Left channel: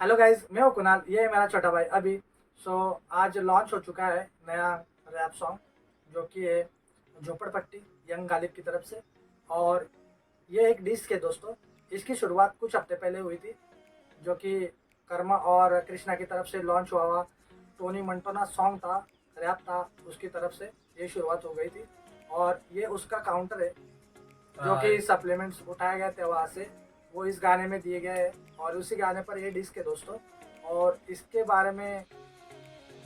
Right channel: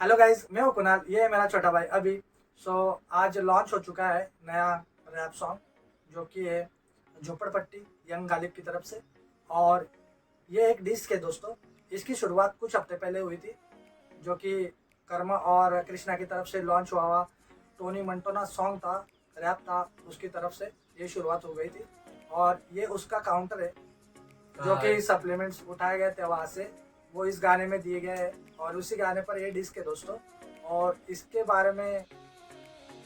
Hello guys, मैं हूँ कुणाल, ये है मेरा छोटा भाई अभी। आज लॉन्च हो चुका है नया रैप सॉन्ग जो कि है झोपड़पट्टी यंग गालिब की तरफ से। और ये एक डिस्क है दोस्तों। इसकी शुरुआत कुछ हफ्ते पहले हुई थी जो कि कर्मा और कृष्णा की तरफ से लॉन्च हुआ टोनी मंटोना सॉन्ग था, रैप था, उसकी तरफ से ये शुरुआत हो गई थी। और ये उसका काउंटर है जो कि सप्लीमेंट्स उठाए गए थे वहाँ से, वो इस गाने में दिए गए हैं और उसी गाने पर ये डिस्क है दोस्तों। और इसके बारे में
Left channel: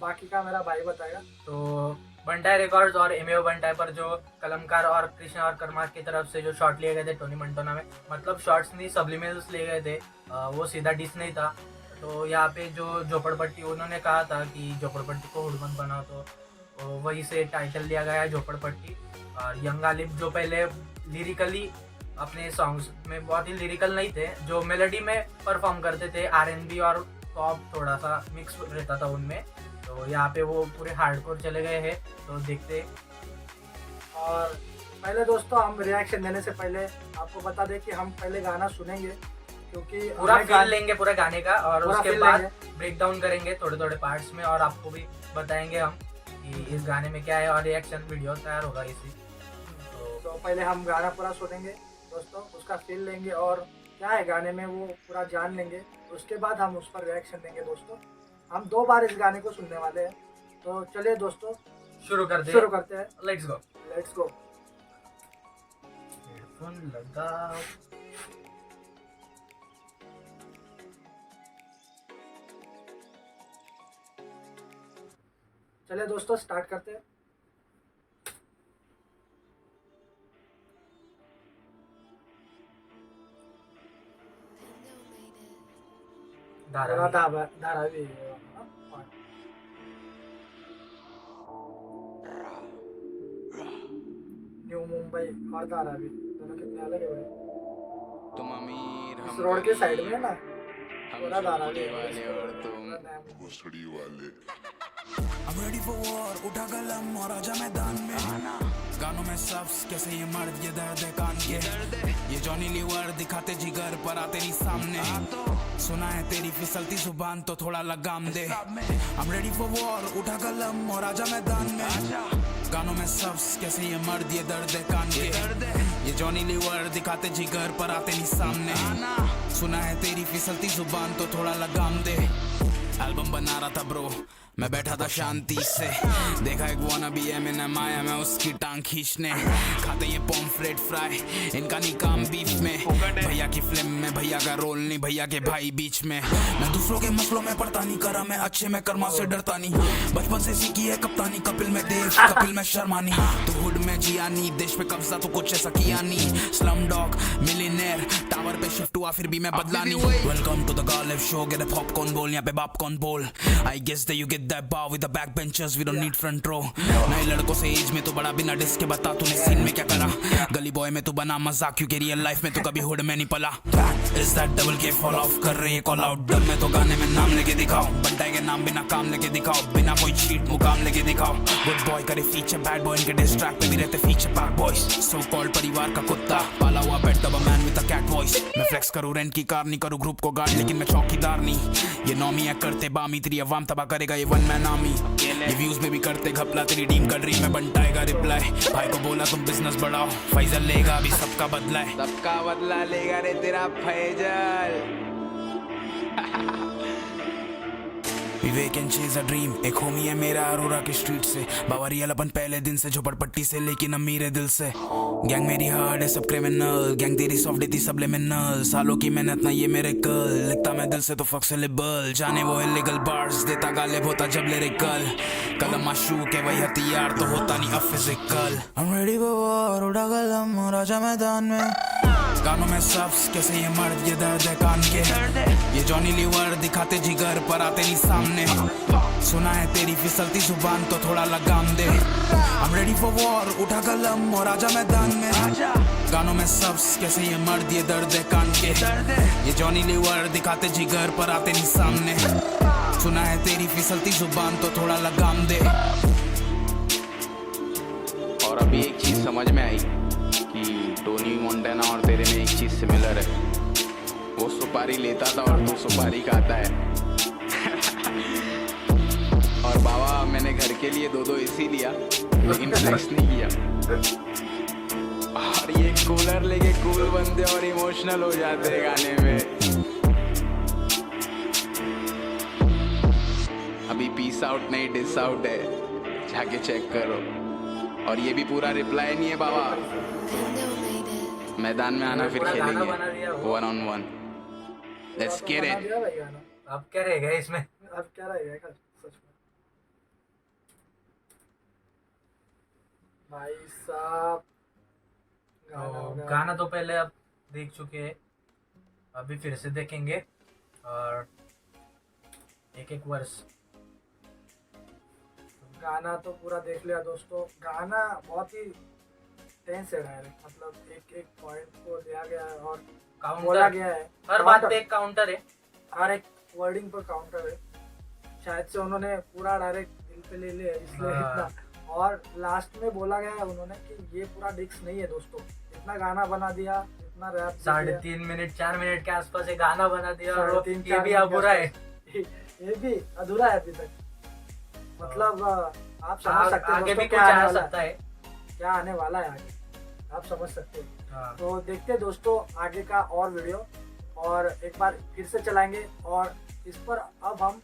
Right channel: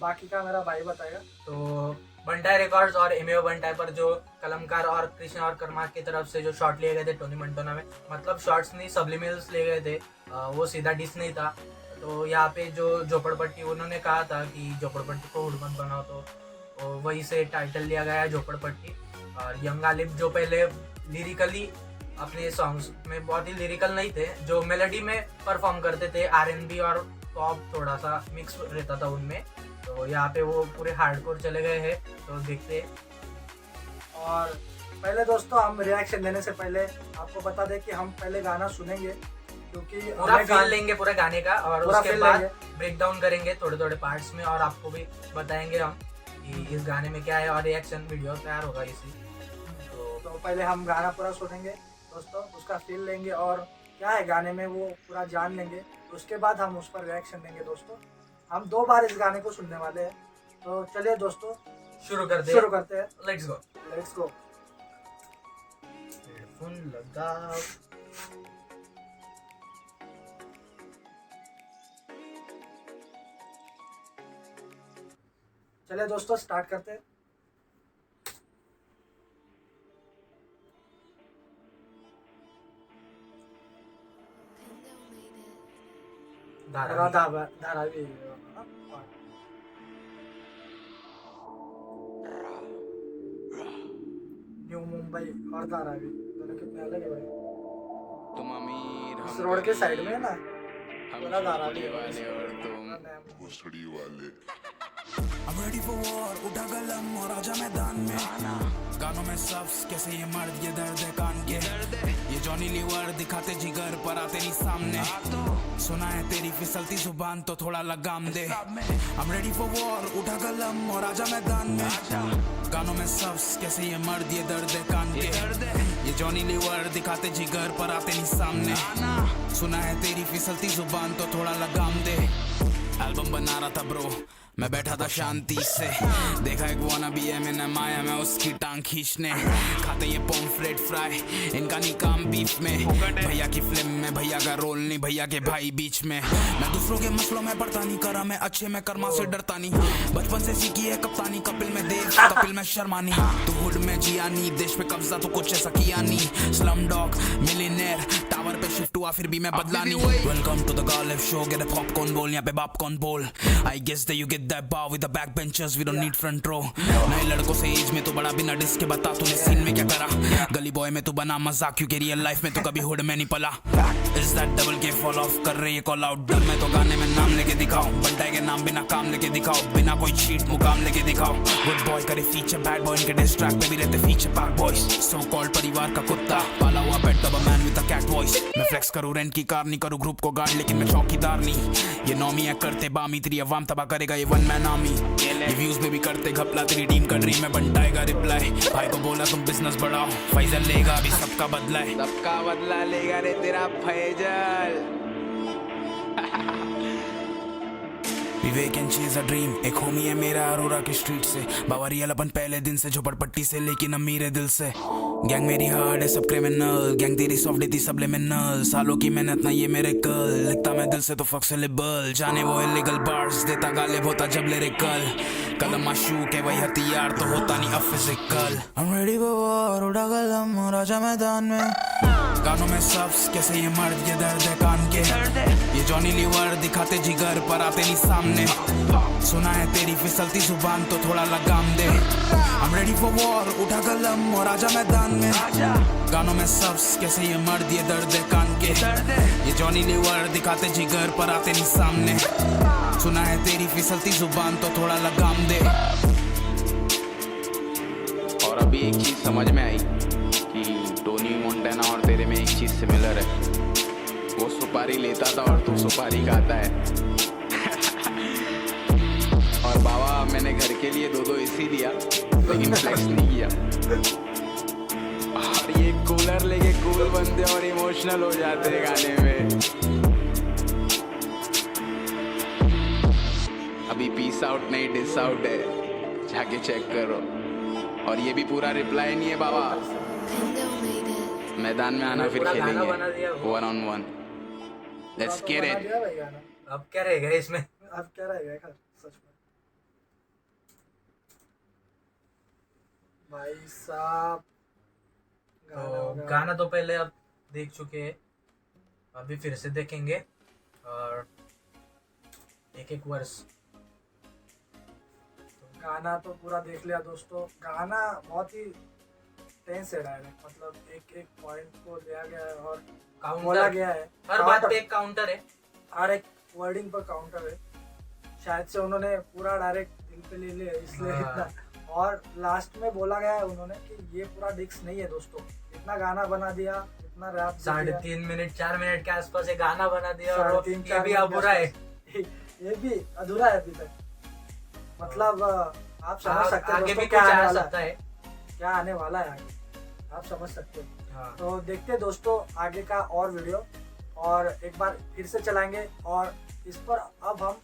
बाकी का मेरा भाई बताएगा। तो बंटाई रिकॉर्ड्स और एमएओ बंटाई पर जो कलमकार और कृष्णा और कर्मा की तरफ से जो शॉट लिए गए थे टोनी मंटोना में, मतलब शॉट्स नहीं सब्लिमिनल्स लिए गए थे, वो सीधा डिस नहीं था। तो यहाँ पे जो झोपड़पट्टी उन्होंने कहा था कि झोपड़पट्टी को हुड मत बनाओ, तो वही से टाइटल लिया गया है झोपड़पट्टी। और यंग गालिब जो पहले लिरिकली अपने सॉन्ग्स में बहुत ही लिरिकल नहीं थे, जो मेलोडी में परफॉर्म करते थे, आरएनबी और पॉप थोड़ा सा मिक्स रहता था उनमें, तो यहाँ पे वो पूरे हार्डकोर चले गए हैं। तो देखते। और पहले दोस्तों हम रिएक्शन देने से पहले आपको बता दें कि हम पहले गाना सुनेंगे क्योंकि पूरा फील लेंगे पूरे गाने का और पूरा उसके feel बाद लेंगे। ब्रेक डाउन करेंगे थोड़े थोड़े पार्ट्स में और आपको भी बताएंगे हम कि इस गाने में क्या है और रिएक्शन वीडियो तैयार होगा इसी। तो पहले हम गाना पूरा सुनेंगे दोस्तों, उसका फील लेंगे और क्या है गाने में वो पूरा जान लेंगे। उसके बाद हम उस पर रिएक्शन देंगे दोस्तों। हम 2 बार इस गाने को सुनने वाले हैं, तो चलिए दोस्तों शुरू करते हैं। Let's go. हेडफोन लगाओ। चलिए दोस्तों स्टार्ट करते हैं। धारावी न्यू मुंबई और धारावी दोनों कितने अलग है भाई। तुम अमीर इस हम रोड के साइड में है ना, हम पूरा धारावी झोपड़ी है वाले और तुम भोसड़ी वाले। I'm ready for war, उठा कलम और आजा मैदान में। गानों में सब्स कैसे ये मर्द, ये दर्द है कान के। ये जॉनी लीवर दिखाते जिगर पर आते नहीं सामने। सुना है तेरी फिसलती जुबान तो थोड़ा लगाम दे। I'm ready for war, उठा कलम और आजा मैदान में। गानों में सब्स कैसे ये मर्द, ये दर्द है कान के। ये जॉनी लीवर दिखाते जिगर पर आते नहीं सामने। सुना है तेरी फिसलती जुबान तो थोड़ा लगाम दे। एल्बम बना रहा था ब्रो, मैं बैठा था शांति से। देखा एक वाना भी है मैंने माया में उसकी टांग खींचने। खाते ये पॉम्फ्रेट फ्राई, इनका नहीं काम बीफ में। भैया की फिल्म में भैया का रोल नहीं, भैया के भाई बीच में। मैं दूसरों के मसलों में पड़ता नहीं, करा मैं अच्छे में कर्मा से डरता नहीं। बचपन से सीखी है कप्तानी, कपिल में देव कपिल में शर्मानी। तू हुड में जिया नहीं, देश पे कब्जा तो कुछ ऐसा किया नहीं। स्लम डॉग मिलियनेयर टावर पे शिफ्ट हुआ फिर भी मैं बदला नहीं। Welcome to the Ghalib show, get a popcorn बोल, यहाँ पे बाप कौन बोल। I guess that you get that bar with the backbenchers, we don't need front row। नए लड़कों से एज में तो बड़ा, बिना डिस्क के बता तूने सीन में क्या करा। गली बॉय में तू बना मजाक क्योंकि रियल लाइफ में तू कभी हुड में नहीं पला। Is that double K fall off कर रहे हैं कॉल आउट। डर में तो गाने में नाम लेके दिखाओ, बंटाई के नाम बिना काम लेके दिखाओ। बिना कोई चीट मुकाम लेके दिखाओ। गुड बॉय करे फीचर, बैड बॉय इनके डिस्ट्रैक्ट पे भी रहते feature park boys. So called परिवार का कुत्ता, पाला हुआ pet of a man with a cat voice. मैं फ्लेक्स करूं रेंट की कार, नहीं करूं ग्रुप को गार्ड, लेकिन मैं चौकीदार नहीं। ये नौमी है करते बामी, तेरी अवाम तबाह करेगा ये वन मैन आर्मी। ये व्यूज में भी करते घपला, तेरी टीम का ड्रीम में बंटाएगा रिप्लाई। भाई को बोला तुम बिजनेस बढ़ाओ, फैजल लेगा अभी सबका बदला है। सबका बदला लेगा रे तेरा फैजल। विवेक एंड चीज अ ड्रीम, एक होमी है मेरा अरोरा के स्ट्रीट से। बावरियल अपन पहले दिन से झोपड़पट्टी से, लेकिन अमीर है दिल से। गैंग मेरी हार्ड है सब क्रिमिनल, गैंग तेरी सॉफ्ट देती सब लिमिनल। सालों की मेहनत ना ये मेरे कल, लिखता मैं दिल से तो फ्लेक्सिबल। जाने वो इलीगल बार्स देता गालिब होता जब लिरिकल। कलम माशूक है वही हथियार तो होता नहीं अब physical. I'm ready for war, उड़ा कलम और आजा मैदान में। गानों में सब्स कैसे ये मर्द, ये दर्द है कान के। ये जॉनी लीवर दिखाते जिगर पर आते नहीं सामने। सुना है तेरी फिसलती जुबान तो थोड़ा लगाम दे। I'm ready for war, उठा कलम और आजा मैदान में। गानों में सब्स कैसे ये मर्द, ये दर्द है कान के। ये जॉनी लीवर दिखाते जिगर पर आते नहीं सामने। सुना है तेरी फिसलती जुबान तो थोड़ा लगाम दे। और अभी एक चीज समझ में आई कि टोनी मोंटाना और तेरे में एक चीज सिमिलर है, वो सुपारी लेता था और तू सुपारी खाता है। और बाबा मैंने घर के लिए 2 एसी लिया लेकिन फ्लेक्स नहीं किया। और ये कूलर लेके कूल बनते और इमोशनल हो जाते हैं गाने में। अभी पीस आउट नहीं डिस आउट है, जाके चेक करो। और ये भी पूरा रिप्लाई नहीं है बाबा। मैदान में आना फिर पूरा गाना खेलेंगे बना दिया वो। 1-on-1। लेट्स तो गेट बना इट। दिया भाई गाना। अब क्या रहेगा इसमें? अब क्या रहेगा यार, सच में भाई साहब। गाना तो होगा। गाना तो पहले अब देख चुके हैं, अभी फिर से देखेंगे और एक एक वर्ष। गाना तो पूरा देख लिया दोस्तों। गाना बहुत ही टेंस है डायरेक्ट, मतलब एक एक पॉइंट को दिया गया है और बोला काउंटर, गया है। हर बात पे काउंटर, एक काउंटर है। हर एक वर्डिंग पर काउंटर है। शायद से उन्होंने पूरा डायरेक्ट दिल पे ले लिया है, इसलिए हाँ। इतना। और लास्ट में बोला गया है उन्होंने कि ये पूरा डिस्क नहीं है दोस्तों, इतना गाना बना दिया, इतना रैप 3.5 मिनट 4 मिनट के आसपास एक गाना बना दिया और 3.5 ये भी अधूरा है। ये भी अधूरा है अभी तक। मतलब आप समझ सकते हो आगे दोस्तों भी कुछ क्या आने आ वाला सकता है, है। क्या आने वाला है आगे, आप समझ सकते हो। हाँ। तो देखते हैं दोस्तों आगे का और वीडियो, और एक बार फिर से चलाएंगे और इस पर अब हम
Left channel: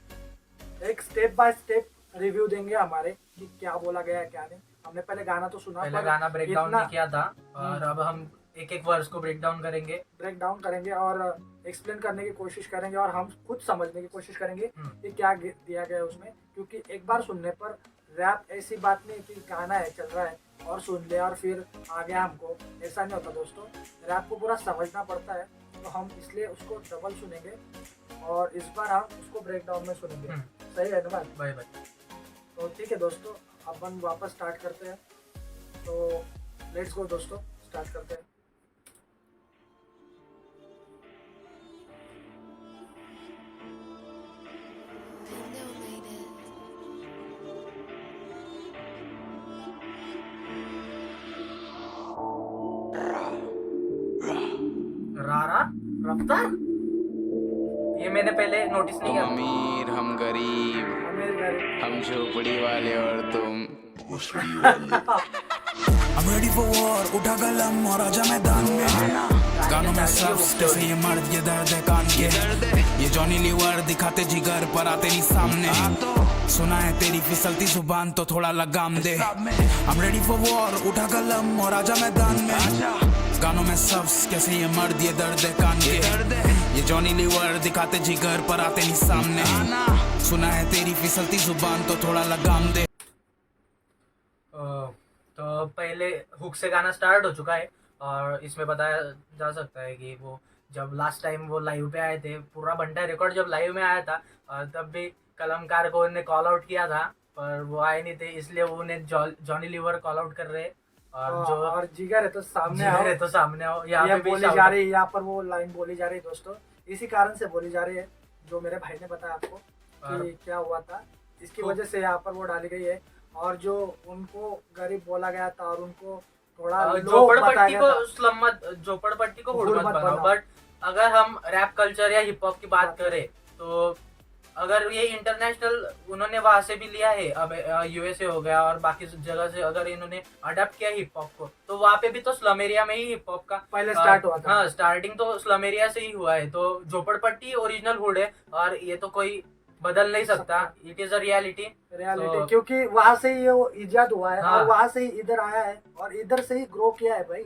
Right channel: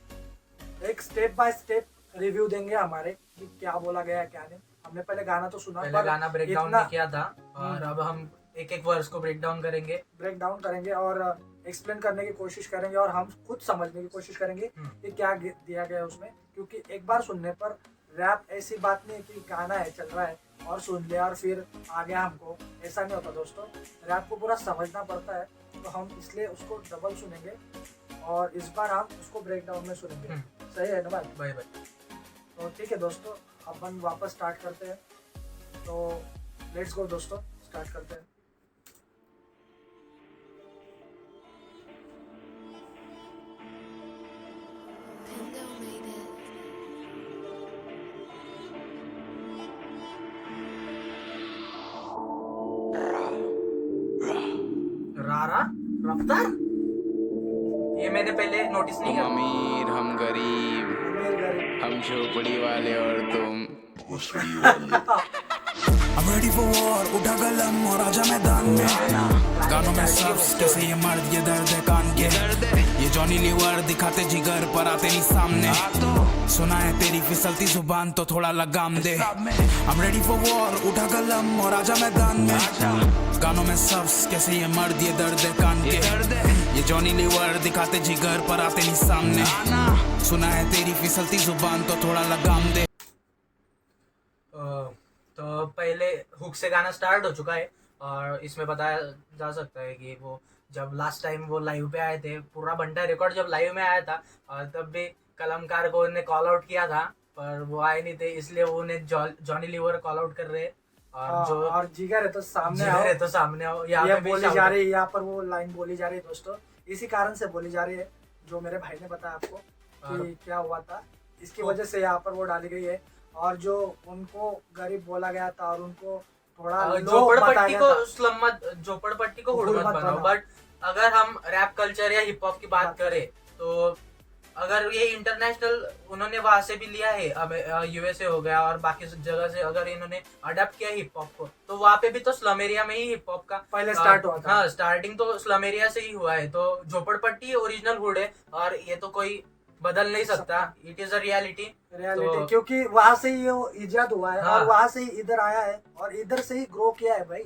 एक स्टेप बाय स्टेप रिव्यू देंगे हमारे कि क्या बोला गया है क्या नहीं। हमने पहले गाना तो सुना, पहले गाना ब्रेक डाउन इतना नहीं किया था और अब हम एक एक वर्स को ब्रेक डाउन करेंगे। ब्रेक डाउन करेंगे और एक्सप्लेन करने की कोशिश करेंगे और हम खुद समझने की कोशिश करेंगे कि क्या दिया गया है उसमें। क्योंकि एक बार सुनने पर रैप ऐसी बात नहीं कि गाना है चल रहा है और सुन लिया और फिर आ गया हमको, ऐसा नहीं होता दोस्तों। रैप को पूरा समझना पड़ता है, तो हम इसलिए उसको डबल सुनेंगे और इस बार हम उसको ब्रेक डाउन में सुनेंगे। सही है ना बात? Bye bye. तो ठीक है दोस्तों, अपन वापस स्टार्ट करते हैं। तो लेट्स गो दोस्तों, स्टार्ट करते हैं। रारा रफ्तार, ये मैंने पहले नोटिस नहीं तुम किया। अमीर हम गरीब, अमीर गरीब। हम झोपड़ी वाले और तुम। I'm ready for war, उठा कलम और आजा मैदान में। गानों में सब्स कैसे ये मर्द ये दर्द है कान के। ये जॉनी लीवर दिखाते जिगर पर आते नहीं सामने। सुना है तेरी फिसलती जुबान तो थोड़ा लगाम दे। I'm ready for war, उठा कलम और आजा मैदान में। गानों में सब्स कैसे ये मर्द ये दर्द है कान के। ये जॉनी लीवर दिखाते जिगर पर आते नहीं सामने। सुना है तेरी फिसलती जुबान तो थोड़ा लगाम दे। तो पहले हुक से गाना स्टार्ट हो चुका है और इसमें बताया जा सकता है कि वो जब लास्ट टाइम वो लाइव पे आए थे, पूरा बंटा रिकॉर्ड जब लाइव में आया था और तब भी कलमकार को उन्हें कॉल आउट किया था पर वो आए नहीं थे, इसलिए वो उन्हें जॉनी लीवर कॉल आउट कर रहे हैं। और जो और जिगर है तो सामने जिगर आओ, है तो सामने आओ, यहाँ ये पे भी बोली shout जा out। रही है, यहाँ पर वो लाइन बोली जा रही है दोस्तों। इसी कारण से बोली जा रही है जो मेरे भाई ने बताया आपको कि क्या हुआ था, इसकी वजह से यहाँ पर वो डाली गई है। और जो उनको गरीब बोला गया था और उनको थोड़ा लो बताया झोपड़पट्टी गया को था। स्लम मत, झोपड़पट्टी को हुड हुड मत मत बनाओ। बनाओ। बट अगर हम रैप कल्चर या हिप हॉप की बात करें तो अगर ये इंटरनेशनल उन्होंने वहां से भी लिया है, अब यूएसए हो गया और बाकी जगह से अगर इन्होंने अडॉप्ट किया हिप हॉप को, तो वहां पे भी तो स्लम एरिया में ही हिप हॉप का पहले स्टार्ट हुआ था। हाँ, स्टार्टिंग तो स्लम एरिया से ही हुआ है। तो झोपड़पट्टी ओरिजिनल हुड है और ये तो कोई बदल नहीं सकता, it is a reality. Reality, क्योंकि वहां से ही वो इजाद हुआ है हाँ। और वहां से ही इधर आया है और इधर से ही ग्रो किया है भाई।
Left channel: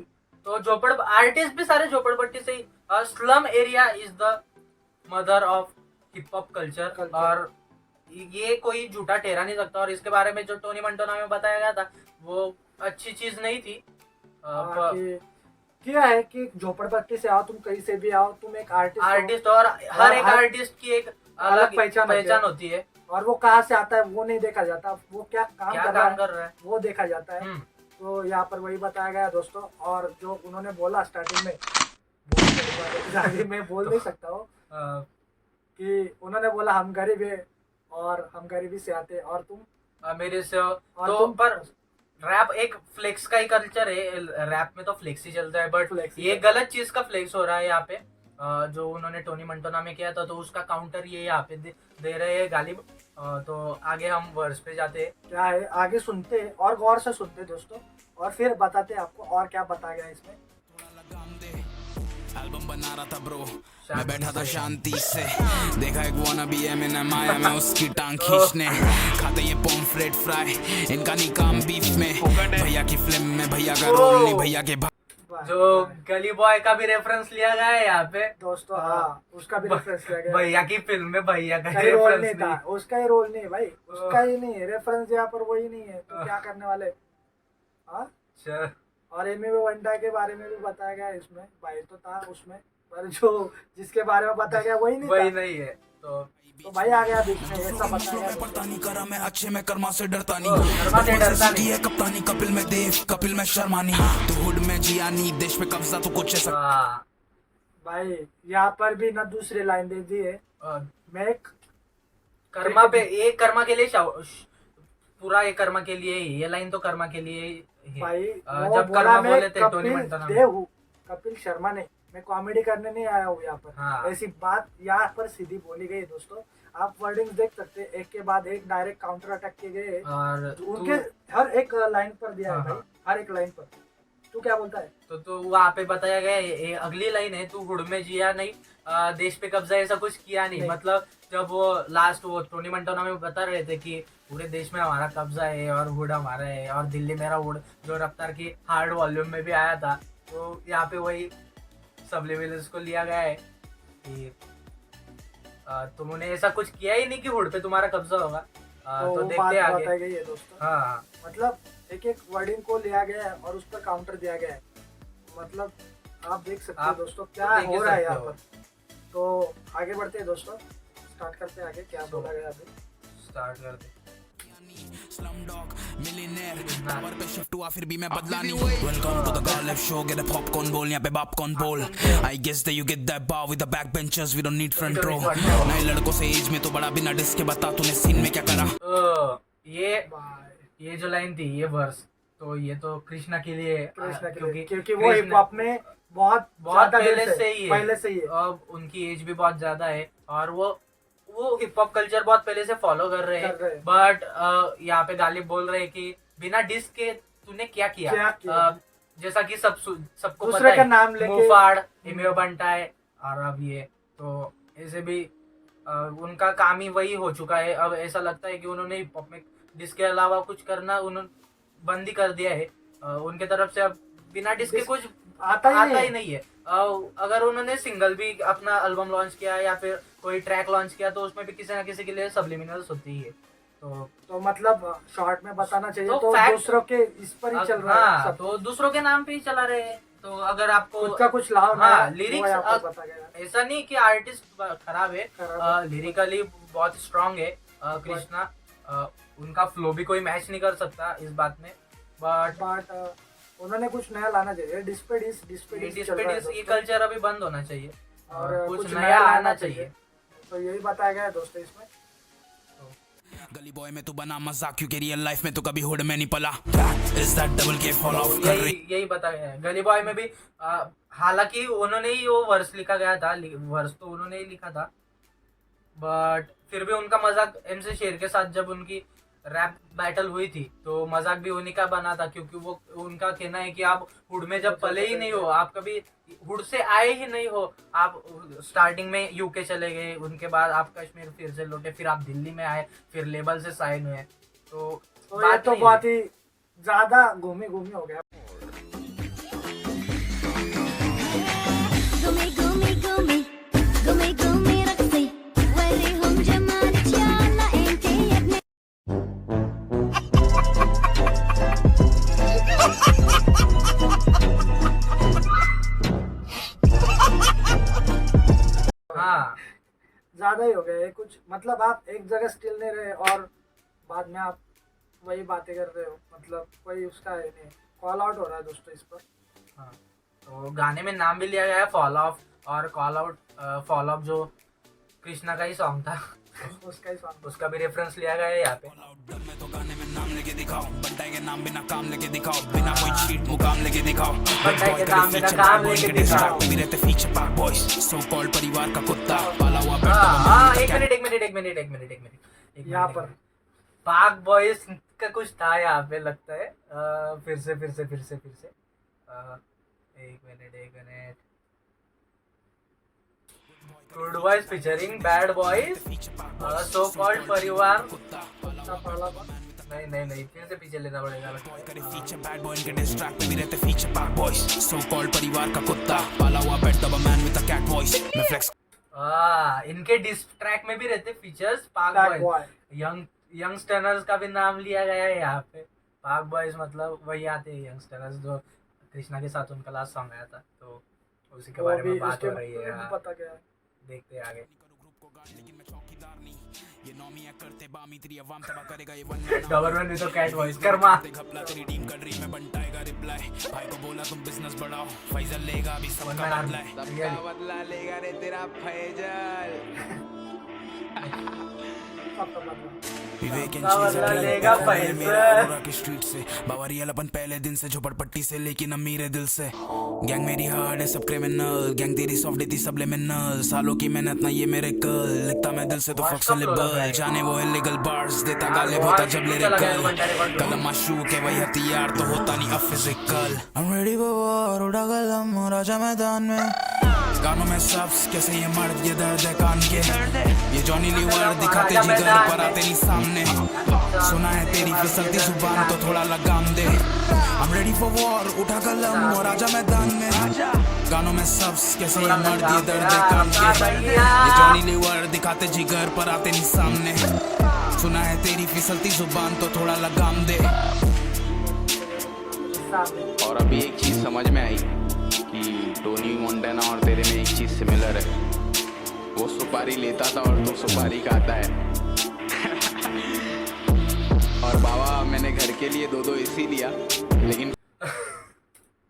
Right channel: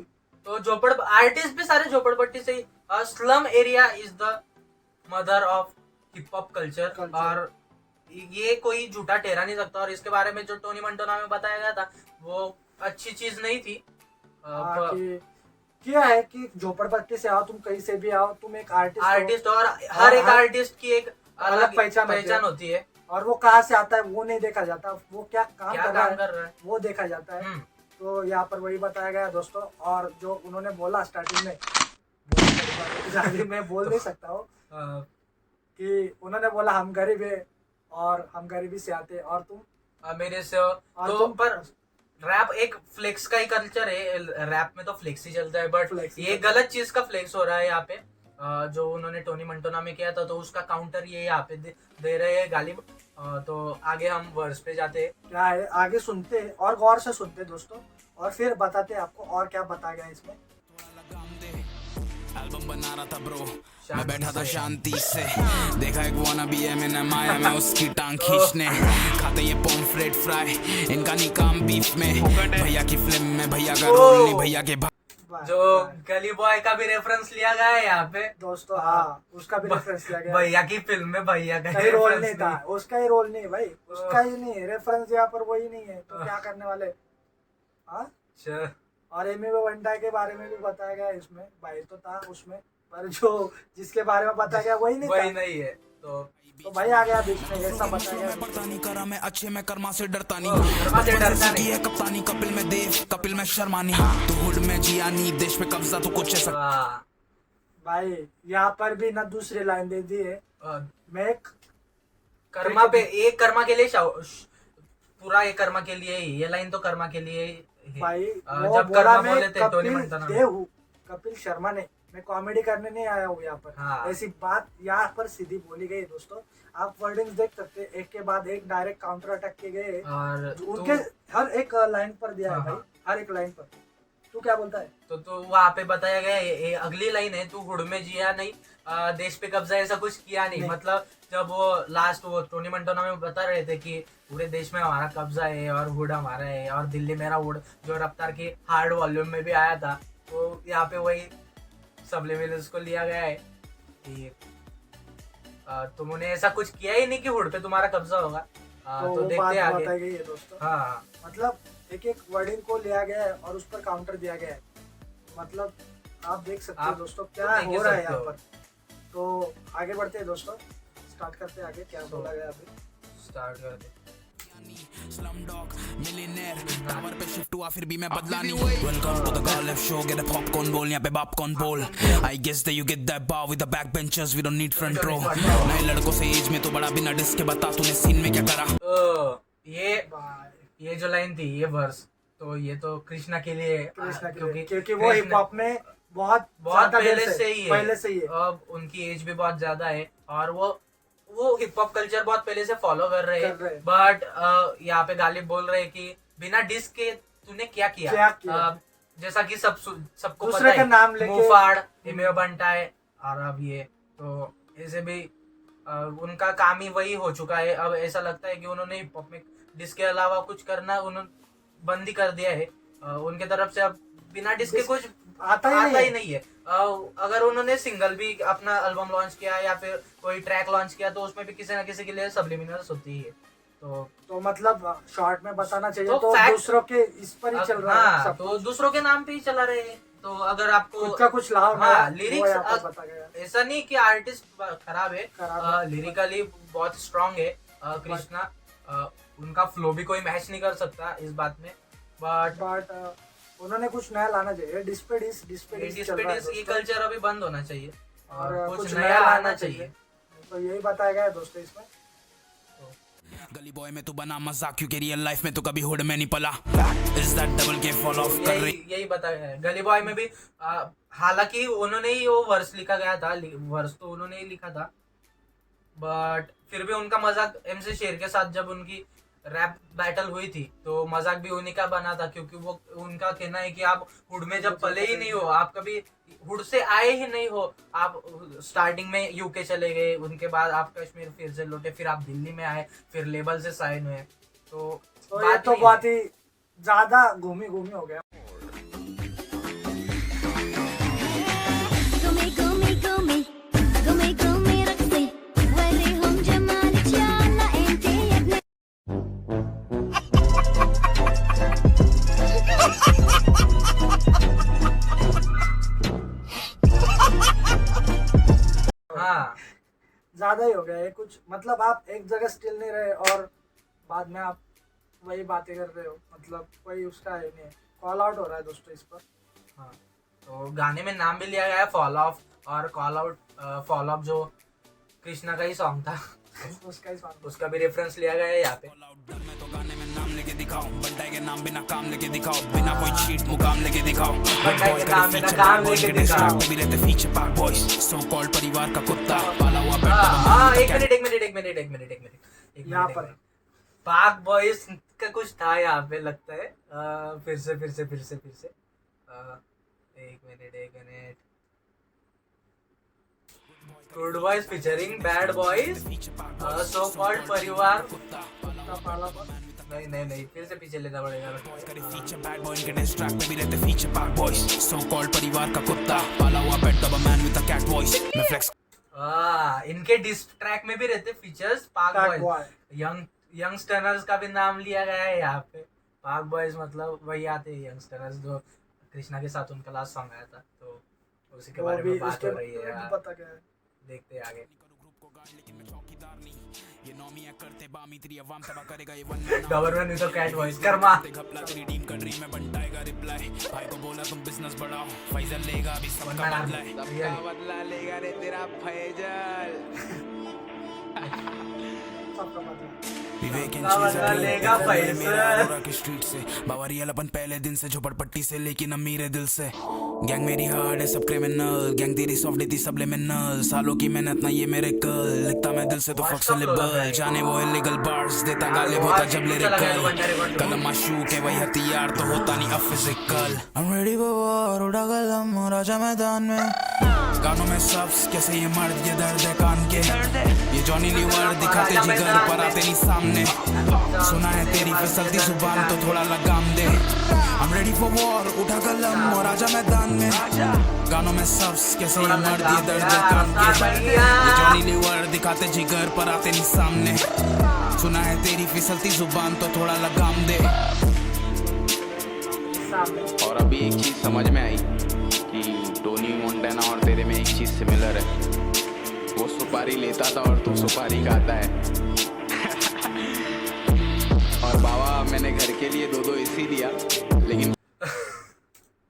तो झोपड़ आर्टिस्ट भी सारे झोपड़पट्टी से ही। Slum area is the mother of hip hop culture और ये कोई झूठा ठहरा नहीं सकता। और इसके बारे में जो टोनी मंटोना में बताया गया था वो अच्छी चीज नहीं थी। क्या है कि झोपड़पट्टी से आओ, तुम कहीं से भी आओ, तुम एक आर्टिस्ट और हर एक आर्टिस्ट की एक अलग पहचान होती है और वो कहाँ से आता है वो नहीं देखा जाता, वो क्या काम कर रहा है वो देखा जाता है। तो यहाँ पर वही बताया गया दोस्तों। और जो उन्होंने बोला स्टार्टिंग में मैं बोल नहीं सकता हूँ कि उन्होंने बोला हम गरीब है और हम गरीबी से आते और तुम मेरे से और तो तुम पर रैप एक फ्लेक्स का ही कल्चर है। रैप में तो फ्लेक्स ही चलता है, बट फ्लेक्स ही ये गलत चीज का फ्लेक्स हो रहा है यहाँ पे। जो उन्होंने टोनी मंटोना में किया था, तो उसका काउंटर ये यहाँ पे दे रहे हैं गालिब। तो आगे हम वर्स पे जाते हैं। क्या है आगे सुनते हैं और गौर से सुनते हैं दोस्तों, और फिर बताते हैं आपको और क्या बताया गया इसमें। एल्बम बना रहा था ब्रो, मैं बैठा था शांति से, देखा एक वाना बी है मैंने माया में उसकी टांग खींचने, खाते ये पॉम्फ्रेट फ्राई, इनका नहीं काम बीफ में, भैया की फिल्म में भैया का रोल नहीं, भैया के जो गली बॉय का भी रेफरेंस लिया गया है यहाँ पे दोस्तों। हाँ, उसका भी रेफरेंस लिया गया। भैया की फिल्म में भैया का कहीं रोल नहीं रेफरेंस था, उसका ही रोल नहीं भाई, उसका ही नहीं रेफरेंस यहाँ पर, वही नहीं है तो क्या करने वाले। हाँ, और एमियो बंटा के बारे में भी बताया गया इसमें, भाई तो था उसमें, पर जो जिसके बारे में बताया गया वही नहीं है। तो भाई आ गया बीच में, ऐसा बताया गया। पड़ता नहीं करा मैं अच्छे में कर्मा से डरता नहीं, कर्मा से डरता नहीं है कप्तानी, कपिल में देव, कपिल में शर्मानी, तो हुड में जिया नहीं, देश पे कब्जा तो कुछ ऐसा। भाई यहाँ पर भी ना दूसरी लाइन दे दी है, मैं कर्मा पे, एक कर्मा के लिए पूरा एक कर्मा के लिए ही, ये लाइन तो कर्मा के लिए ही। भाई जब कर्मा बोले थे टोनी कपिल मंटोना में। देव हूँ, कपिल शर्मा ने, मैं कॉमेडी करने नहीं आया हूँ यहाँ पर। हाँ। ऐसी बात यहाँ पर सीधी बोली गई दोस्तों, आप वर्डिंग्स देख सकते हैं, एक के बाद एक डायरेक्ट काउंटर अटैक किए गए और उनके हर एक लाइन पर दिया है हाँ, भाई, हर एक लाइन पर। तू क्या बोलता है? तो वहाँ पे बताया गया है, अगली लाइन है, तू हुड में जिया नहीं, देश पे कब्जा ऐसा कुछ किया नहीं। मतलब जब वो लास्ट वो टोनी मंटोना में बता रहे थे कि पूरे देश में हमारा कब्जा है और हुड हमारा है, और दिल्ली मेरा हुड, जो रफ्तार की हार्ड वॉल्यूम में भी आया था, तो यहाँ पे वही सबलिमिनल्स को लिया गया है कि तुमने ऐसा कुछ किया ही नहीं कि हुड पे तुम्हारा कब्जा होगा। तो देखते हैं आगे। बताई गई है दोस्तों। हाँ, मतलब एक एक वर्डिंग को लिया गया है और उस पर काउंटर दिया गया है। मतलब आप देख सकते हो दोस्तों क्या हो रहा है यहाँ पर। तो आगे बढ़ते हैं दोस्तों, स्टार्ट करते हैं आगे क्या बोला गया अभी। स्टार्ट करते। Slumdog millionaire टावर पे शिफ्ट हुआ फिर भी मैं बदला नहीं। Welcome to the Garlic Show, get a popcorn bowl, यहाँ पे popcorn bowl। I guess that you get that bar with the backbenchers, we don't need front row। नए लड़कों से एज में तो बड़ा, बिना डिस्क के बता तूने सीन में क्या करा। ये जो लाइन थी, ये वर्स, तो ये तो कृष्णा के लिए, क्योंकि वो हिप हॉप में बहुत पहले से ही है। अब उनकी एज भी बहुत ज्यादा है और वो हिप हॉप कल्चर बहुत पहले से फॉलो कर रहे हैं। बट यहाँ पे गालिब बोल रहे हैं कि बिना डिस्क के तूने क्या किया। जैसा कि सबको दूसरे पता का नाम लेके मुफाड़, एमियो बंटा है, और अब ये तो ऐसे भी उनका काम ही वही हो चुका है। अब ऐसा लगता है कि उन्होंने हिप हॉप में डिस्क के अलावा कुछ करना उन्होंने बंद ही कर दिया है। उनके तरफ से अब बिना डिस्क के कुछ आता ही नहीं है। अगर उन्होंने सिंगल भी अपना एल्बम लॉन्च किया या फिर कोई ट्रैक लॉन्च किया, तो उसमें भी किसी ना किसी के लिए सबलिमिनल्स होती है। तो मतलब शॉर्ट में बताना चाहिए तो दूसरों के इस पर ही चल रहा है सब, तो दूसरों के नाम पे ही चला रहे हैं। तो अगर आपको खुद का कुछ लाभ लिरिक्स ऐसा नहीं कि आर्टिस्ट खराब है, लिरिकली बहुत स्ट्रांग है कृष्णा, उनका फ्लो भी कोई मैच नहीं कर सकता इस बात में। बट उन्होंने कुछ नया लाना चाहिए। डिस्पेडिस ये कल्चर अभी बंद होना चाहिए और कुछ नया लाना चाहिए। तो यही बताया गया है दोस्तों इसमें। गली बॉय में तू बना मजाक क्योंकि रियल लाइफ में तो कभी हुड में नहीं पला। इज दैट डबल के फॉल ऑफ कर रही, यही बताया गया है। गली बॉय में भी हालांकि उन्होंने ही वो वर्स लिखा गया था, वर्स तो उन्होंने ही लिखा था, बट फिर भी उनका मजाक MC शेर के साथ जब उनकी रैप बैटल हुई थी, तो मजाक भी उन्हीं का बना था, क्योंकि वो उनका कहना है कि आप हुड में जब पले ही नहीं हो, आप कभी हुड से आए ही नहीं हो, आप स्टार्टिंग में UK चले गए, उनके बाद आप कश्मीर फिर से लौटे, फिर आप दिल्ली में आए, फिर लेबल से साइन हुए, तो ये तो बहुत ही ज्यादा घूमी हो गया। ज्यादा ही हो गया है कुछ। मतलब आप एक जगह स्टिल नहीं रहे और बाद में आप वही बातें कर रहे हो, मतलब कोई उसका है नहीं। कॉल आउट हो रहा है दोस्तों इस पर। हाँ, तो गाने में नाम भी लिया गया है फॉल ऑफ और कॉल आउट। फॉल ऑफ जो कृष्णा का ही सॉन्ग था उसका ही सॉन्ग। उसका भी रेफरेंस लिया गया है यहाँ पे। मैं तो गाने में नाम लेके दिखाओ, बंटाई के नाम बिना काम लेके दिखाओ, बिना कोई चीट मुकाम लेके दिखाओ। बंटाई के नाम बिना काम लेके दिखाओ। भी रहते फीचर पाक बॉयज, सो कॉल्ड परिवार का कुत्ता, पाला हुआ पेट हाँ, एक मिनट यहाँ पर पाक बॉयज का कुछ था यहाँ पे लगता है। फिर से एक minute. Good boys featuring bad boys, so called परिवार। नहीं, फिर से पीछे लेना पड़ेगा। फीचर बैड बॉय इनके डिस ट्रैक पे भी रहते फीचर पाक बॉयज, सो कॉल्ड परिवार का कुत्ता, पाला हुआ pet the man with the cat voice. मैं फ्लेक्स इनके डिस ट्रैक में भी रहते फीचर्स पाक बॉयज। यंगस्टर्स का भी नाम लिया गया है यहाँ पे। पाक बॉयज मतलब वही आते हैं यंगस्टर्स जो कृष्णा के साथ उनका लास्ट सॉन्ग आया था, तो उसी के बारे में बात हो रही है। पता क्या है, देखते हैं आगे। लेकिन मैं चौकीदार नहीं, ये नौमियां करते बामी तेरी अवाम तबाह करेगा ये वन मैन। गवर्नमेंट ने तो कैट वॉइस कर्मा घपला तेरी टीम कर रही, मैं बंटाएगा रिप्लाई। भाई को बोला तुम बिजनेस बढ़ाओ, फैजल लेगा अभी सबका बदला है। सबका बदला लेगा रे तेरा फैजल। सबका बदला। विवेक एंड सबका चीज़ बदला लेगा फैजल। मेरा अरोरा के स्ट्रीट से बावरियल अपन पहले दिन से झोपड़पट्टी से, लेकिन अमीर है दिल से। गैंग मेरी हार्ड है सब क्रिमिनल, गैंग तेरी सॉफ्ट देती सबलिमिनल, सालों की मेहनत ना ये मेरे कल, लिखता मैं दिल से तो फक से लिबल, जाने वो इलीगल बार्स देता गालिब होता जब लिरिकल, कलम माशूक है वही हथियार तो होता नहीं अब physical. I'm ready for war, उड़ा कलम और आजा मैदान में, गानों में सब्स कैसे ये मर्द ये दर्द है कान के, ये जॉनी लीवर दिखाते जिगर पर आते नहीं सामने, सुना है तेरी फिसलती जुबान तो थोड़ा लगाम दे। I'm ready for war, उठा कलम और आजा मैदान में, गानों में सब्स कैसे ये मर्द ये दर्द है कान के, ये जॉनी लीवर दिखाते जिगर पर आते नहीं सामने, सुना है तेरी फिसलती जुबान तो थोड़ा लगाम दे। और अभी एक चीज समझ में आई कि टोनी मोंटाना और तेरे में एक चीज सिमिलर है, वो सुपारी लेता था और तू सुपारी खाता है। और बाबा मैंने घर के लिए 2 एसी लिया, लेकिन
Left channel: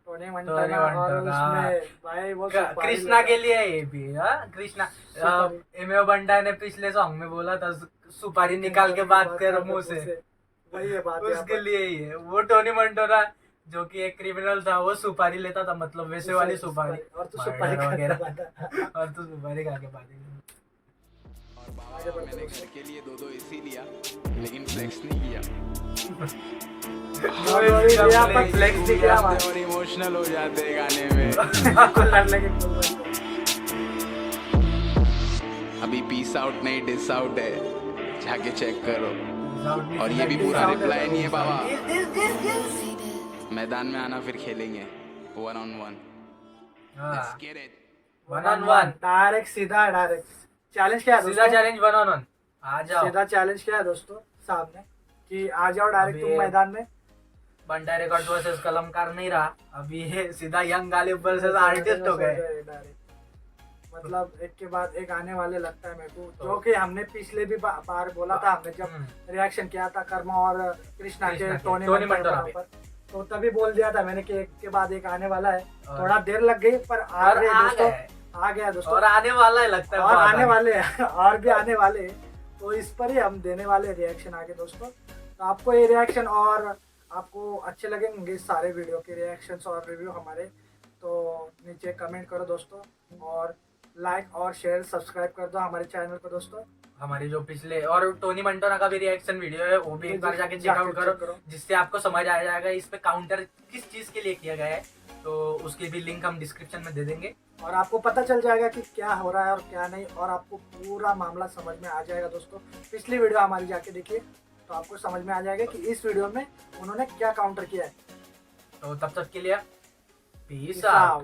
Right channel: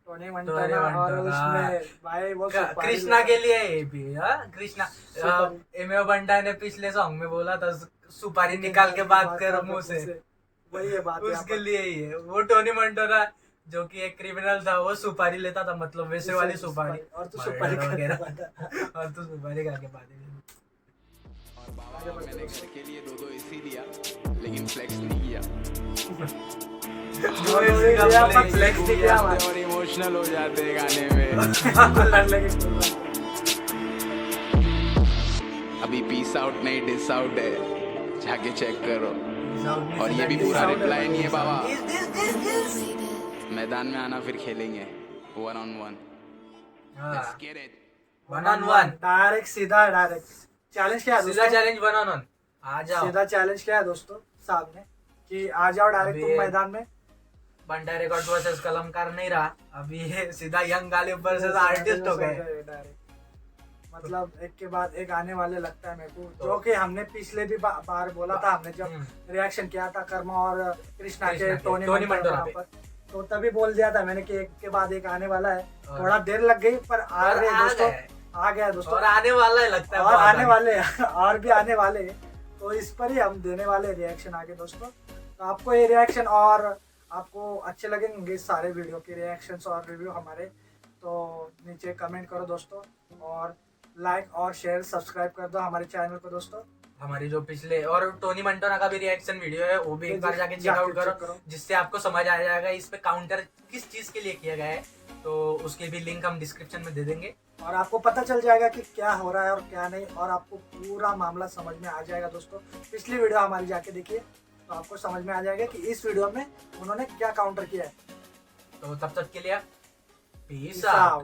टोनी मंटाना और उसमें भाई वो कृष्णा के लिए ये भी कृष्णा एमओ बंटा ने पिछले सॉन्ग में बोला था सुपारी निकाल के बात कर मुंह से, वही है बात। उसके लिए ही है। वो टोनी मंटाना जो कि एक क्रिमिनल था वो सुपारी लेता था, मतलब वैसे वाली सुपारी, और तू सुपारी वगैरह और तू सुपारी खा के बात। और बाबा मैंने घर के लिए 2 एसी लिया, लेकिन फ्लेक्स नहीं किया। और इमोशनल हो जाते हैं गाने में। अभी पीस आउट नहीं डिस आउट है, जाके चेक करो। और ये भी पूरा रिप्लाई नहीं है बाबा। मैदान में आना फिर खेलेंगे 1-on-1। Let's get it। 1-on-1 direct सीधा डायरेक्ट चैलेंज क्या है सीधा चैलेंज 1-on-1 आ जाओ। सीधा चैलेंज क्या है दोस्तों सामने कि आ जाओ डायरेक्ट तुम मैदान में। बंटाई रिकॉर्ड वर्सेस कलमकार नहीं रहा, अभी ये सीधा यंग गालिब वर्सेस आर्टिस्ट हो गए डायरेक्ट। मतलब एक के बाद एक आने वाले लगता है मेरे को, जो कि हमने पिछले भी बार बोला था, हमने जब रिएक्शन किया था कर्मा और कृष्णा के टोनी मंटाना पर, तो तभी बोल दिया था मैंने कि एक के बाद एक आने वाला है। थोड़ा देर लग गई पर आ गए दोस्तों, आ गया दोस्तों, और आने वाला है लगता है, और आने वाले और भी आने वाले, तो इस पर ही हम देने वाले रिएक्शन आगे दोस्तों। तो आपको ये रिएक्शन और आपको अच्छे लगेंगे सारे वीडियो के रिएक्शंस और रिव्यू हमारे, तो नीचे कमेंट करो दोस्तों, और लाइक और शेयर सब्सक्राइब कर दो हमारे चैनल को दोस्तों। हमारी जो पिछले और टोनी मंटाना का भी रिएक्शन वीडियो है वो भी एक बार जाके चेकआउट करो, जिससे आपको समझ आ जाएगा इस पे काउंटर किस चीज के लिए किया गया है, तो उसकी भी लिंक हम डिस्क्रिप्शन में दे देंगे, और आपको पता चल जाएगा कि क्या हो रहा है और क्या नहीं, और आपको पूरा मामला समझ में आ जाएगा दोस्तों। पिछली वीडियो हमारी जाके देखिए तो आपको समझ में आ जाएगा कि इस वीडियो में उन्होंने क्या काउंटर किया है। तो तब तक के लिए पीस आउट।